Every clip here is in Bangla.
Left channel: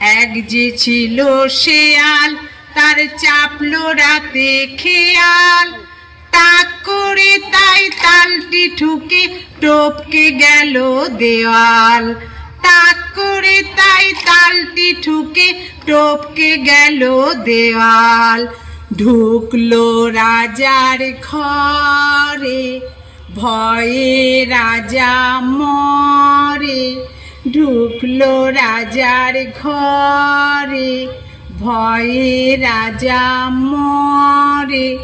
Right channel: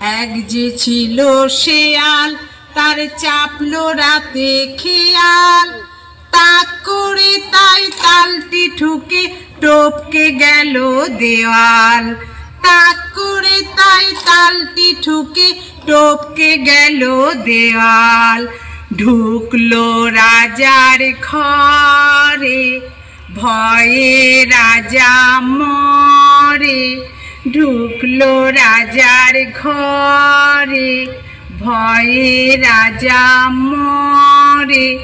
এক যে ছিল শেয়াল, তার চাপলো রাতে খেয়াল। তাক করে তাই তালটি ঠুকে টপকে গেল দেওয়াল। তাক করে তাই তালটি ঠুকে টপকে গেল দেওয়াল। ঢুকলো রাজার ঘরে, ভয়ে রাজা মরে। ঢুকলো রাজার ঘরে, ভয়ে রাজা মরে।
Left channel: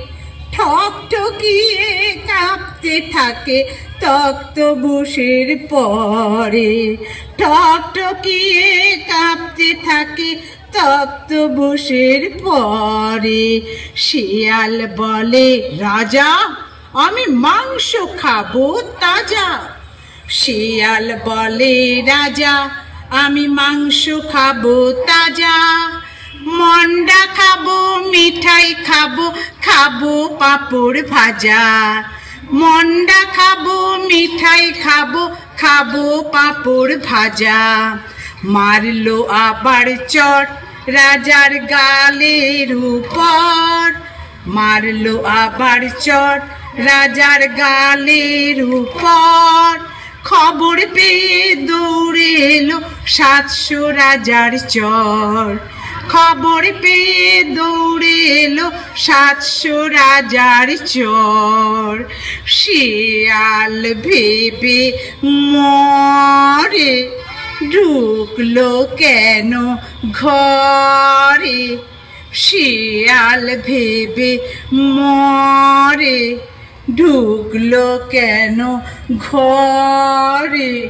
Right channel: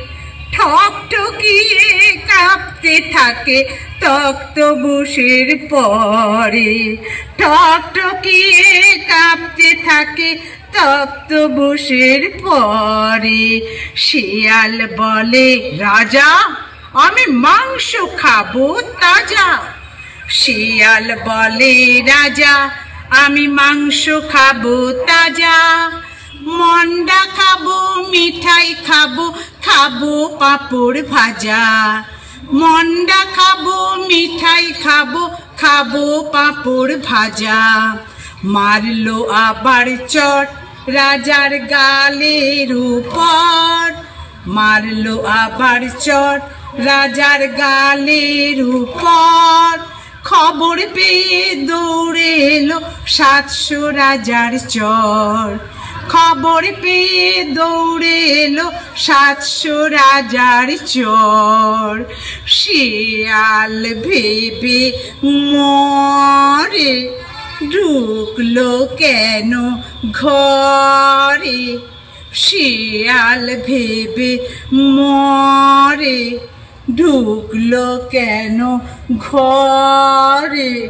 ঠকঠকিয়ে কাঁপতে থাকে তক্তপোশের পরে। ঠকঠকিয়ে কাঁপতে থাকে তক্তপোশের পরে। শিয়াল বলে, রাজা আমি মাংস খাবো তাজা। শিয়াল বলে, রাজা আমি মাংস খাবো তাজা। মন্ডা খাবো, মিঠাই খাবো, খাবো পাঁপড় ভাজা। মন্ডা খাবো, মিঠাই খাবো, খাবো পাঁপড় ভাজা। মারলো আবার চট রাজার গালের উপর। মারলো আবার চট রাজার গালের উপর। খবর পেয়ে দৌড়ে এলো 700 রাজার চর। খবর পেয়ে দৌড়ে এলো 700 রাজার চর। শিয়াল ভেবে মরে, ঢুকলো কেন ঘরে। শিয়াল ভেবে মরে, ঢুকলো কেন ঘরে।